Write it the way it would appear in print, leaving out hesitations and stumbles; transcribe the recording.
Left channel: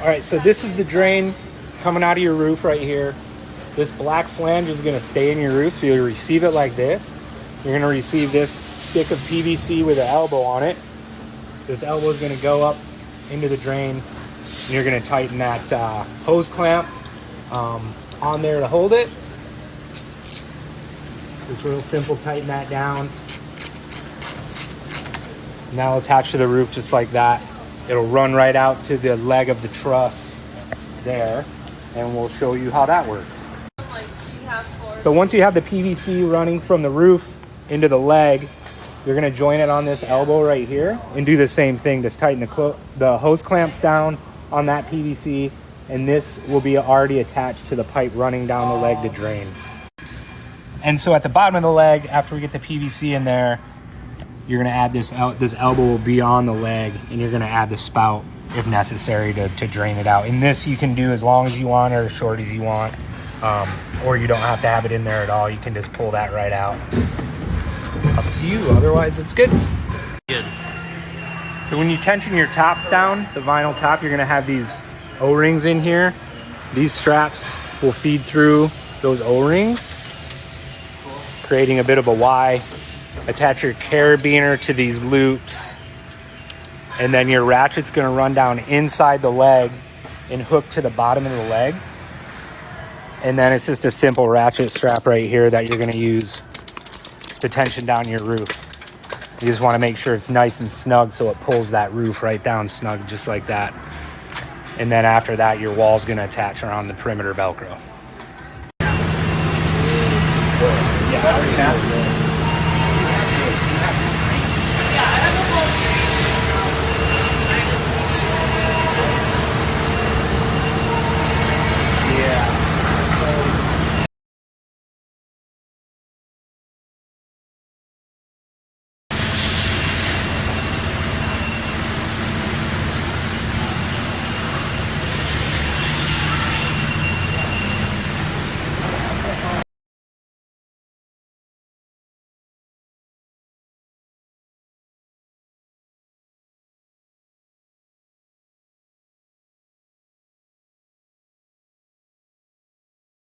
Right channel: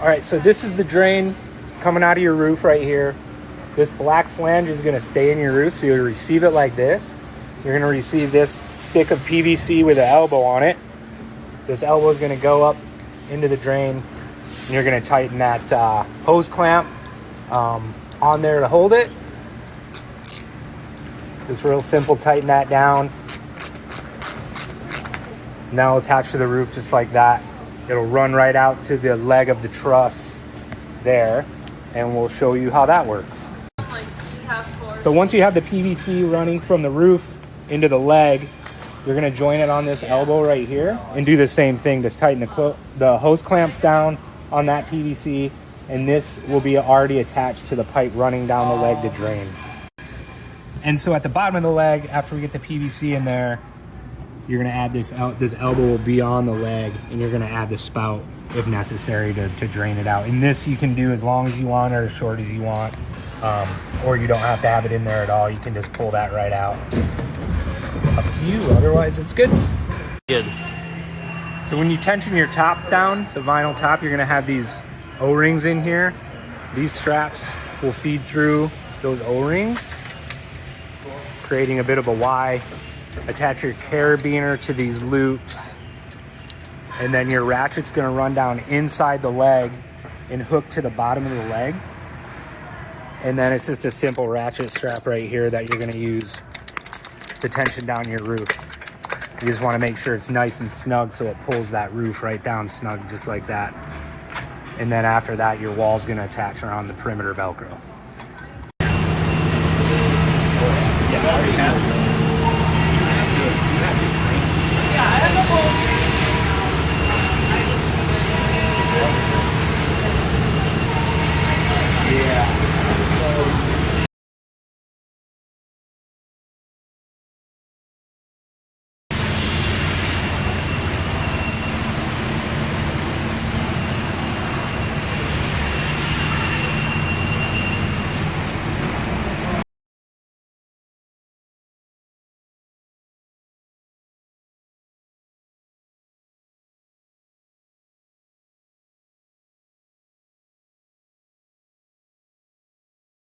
All right, so this is the drain coming out of your roof right here. This black flange is gonna stay in your roof, so you'll receive it like this. You're gonna receive this stick of PVC with an elbow on it. This elbow is gonna go up into the drain, and you're gonna tighten that hose clamp on there to hold it. Just real simple, tighten that down. Now attach to the roof just like that. It'll run right out to the leg of the truss there, and we'll show you how that works. So once you have the PVC running from the roof into the leg, you're gonna join it on this elbow right here and do the same thing. Just tighten the hose clamps down on that PVC, and this will be already attached to the pipe running down the leg to drain. And so at the bottom of the leg, after we get the PVC in there, you're gonna add this elbow will be on the leg, and you're gonna add the spout if necessary to drain it out. And this you can do as long as you want or as short as you want, or you don't have to have it in there at all. You can just pull that right out. Up to you, otherwise it's good. Good. So when you tension your top down, the vinyl top, you're gonna have these O-rings in here. These straps will feed through those O-rings, creating a bit of a Y. Attach your carabiner to these loops, and then your ratchet's gonna run down inside the leg and hook to the bottom of the leg. And then it's just a simple ratchet strap right here that you're gonna use to tension down your roof. You just wanna make sure it's nice and snug so it pulls that roof right down snug, just like that. And then after that, your wall's gonna attach around the perimeter Velcro. Yeah,